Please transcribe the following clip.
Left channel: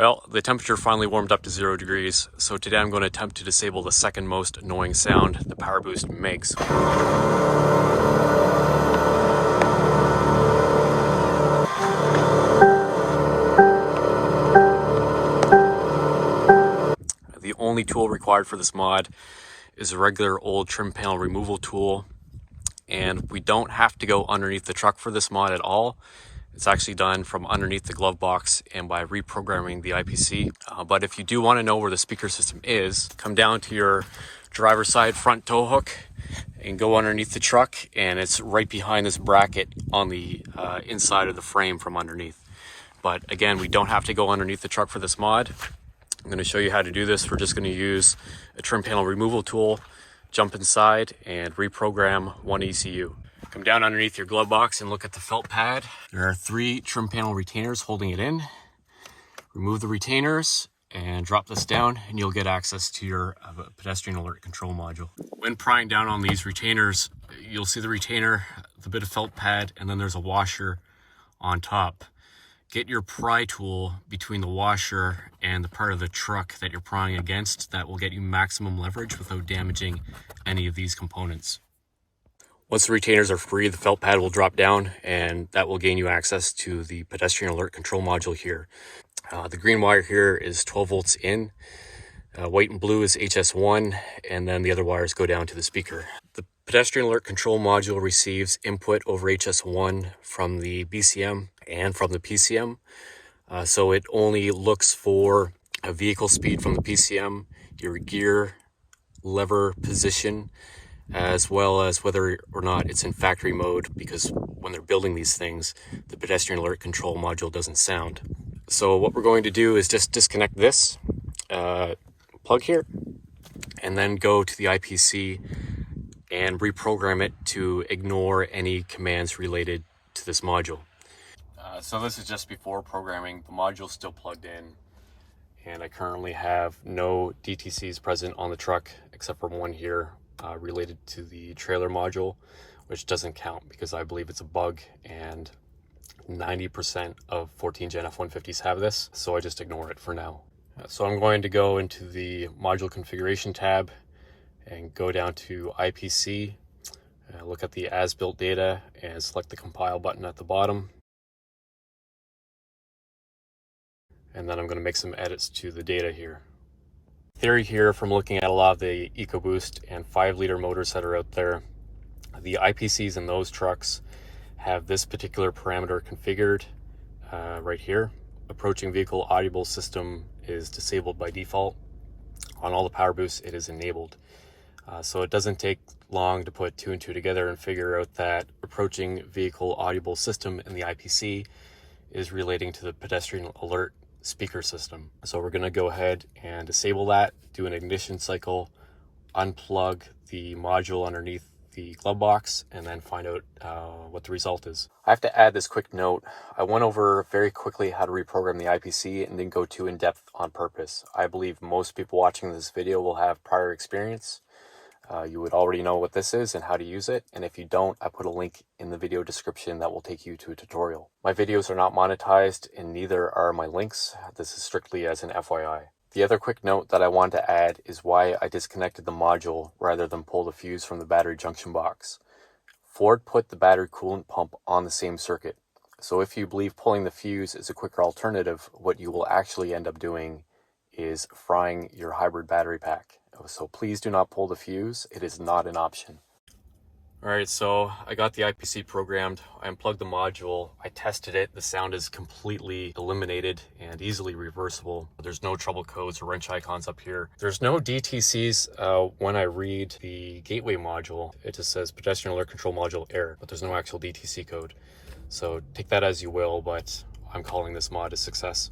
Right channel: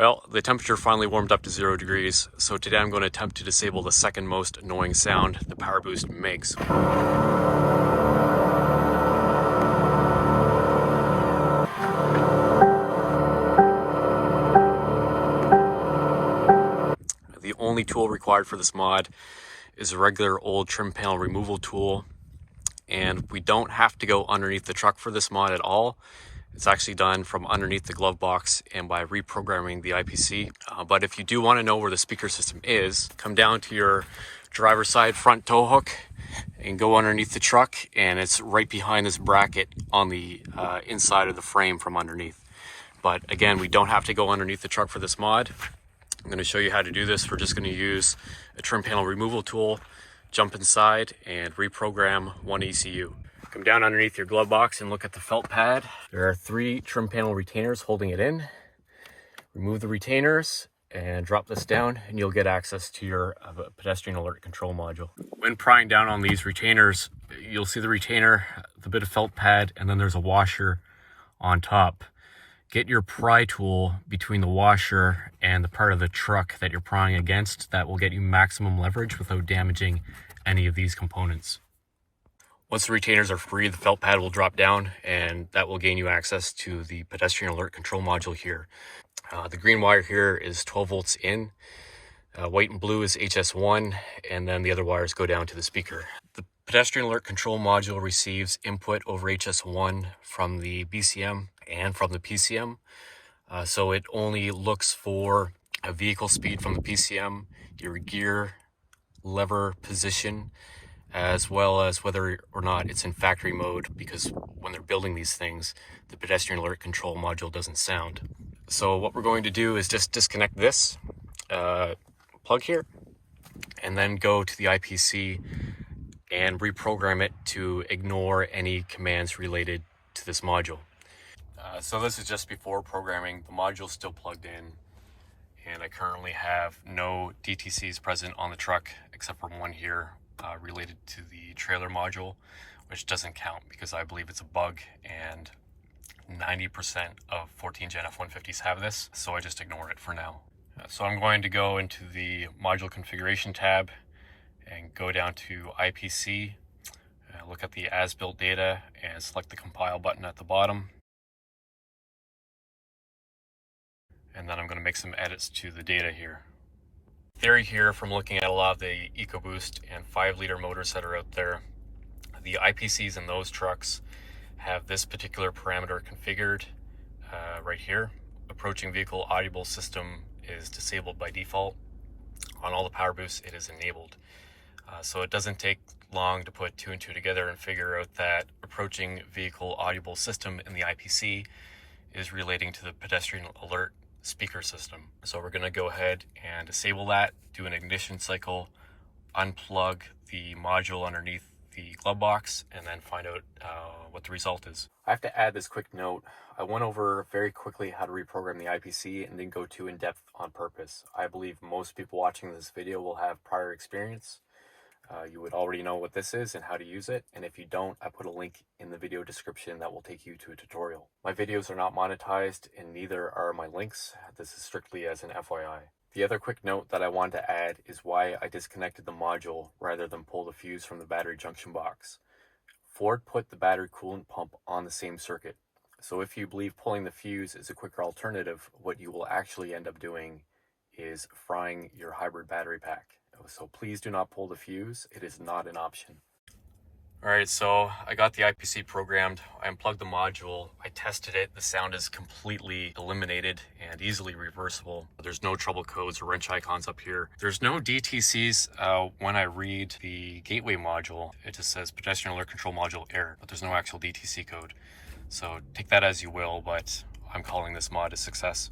Well, the temperature finally warmed up to 0 degrees, so today I'm going to attempt to disable the second most annoying sound the power boost makes. The only tool required for this mod is a regular old trim panel removal tool, and we don't have to go underneath the truck for this mod at all. It's actually done from underneath the glove box and by reprogramming the IPC. But if you do want to know where the speaker system is, come down to your driver's side front tow hook and go underneath the truck, and it's right behind this bracket on the inside of the frame from underneath. But again, we don't have to go underneath the truck for this mod. I'm going to show you how to do this. We're just going to use a trim panel removal tool, jump inside and reprogram one ECU. Come down underneath your glove box and look at the felt pad. There are 3 trim panel retainers holding it in. Remove the retainers and drop this down, and you'll get access to your pedestrian alert control module. When prying down on these retainers, you'll see the retainer, the bit of felt pad, and then there's a washer on top. Get your pry tool between the washer and the part of the truck that you're prying against. That will get you maximum leverage without damaging any of these components. Once the retainers are free, the felt pad will drop down, and that will gain you access to the pedestrian alert control module here. The green wire here is 12 volts in, white and blue is HS1, and then the other wires go down to the speaker. The pedestrian alert control module receives input over HS1 from the BCM and from the PCM. So it only looks for a vehicle speed from the PCM, your gear lever position, as well as whether or not it's in factory mode, because when they're building these things, the pedestrian alert control module doesn't sound. So what we're going to do is just disconnect this plug here, and then go to the IPC and reprogram it to ignore any commands related to this module. So this is just before programming. The module's still plugged in, and I currently have no DTCs present on the truck except for one here related to the trailer module, which doesn't count because I believe it's a bug, and 90% of 14 Gen F-150s have this, so I just ignore it for now. So I'm going to go into the module configuration tab and go down to IPC, look at the as-built data, and select the compile button at the bottom. And then I'm going to make some edits to the data here. Theory here, from looking at a lot of the EcoBoost and 5-liter motors that are out there, the IPCs in those trucks have this particular parameter configured right here. Approaching vehicle audible system is disabled by default. On all the power boosts, it is enabled. So it doesn't take long to put 2 and 2 together and figure out that approaching vehicle audible system in the IPC is relating to the pedestrian alert speaker system. So we're going to go ahead and disable that, do an ignition cycle, unplug the module underneath the glove box, and then find out what the result is. I have to add this quick note. I went over very quickly how to reprogram the IPC and didn't go too in depth on purpose. I believe most people watching this video will have prior experience. You would already know what this is and how to use it, and if you don't, I put a link in the video description that will take you to a tutorial. My videos are not monetized, and neither are my links. This is strictly as an FYI. The other quick note that I want to add is why I disconnected the module rather than pull the fuse from the battery junction box. Ford put the battery coolant pump on the same circuit, so if you believe pulling the fuse is a quicker alternative, what you will actually end up doing is frying your hybrid battery pack. So please do not pull the fuse. It is not an option. All right, so I got the IPC programmed. I unplugged the module. I tested it. The sound is completely eliminated and easily reversible. There's no trouble codes or wrench icons up here. There's no DTCs. When I read the gateway module, it just says pedestrian alert control module error, but there's no actual DTC code. So take that as you will, but I'm calling this mod a success.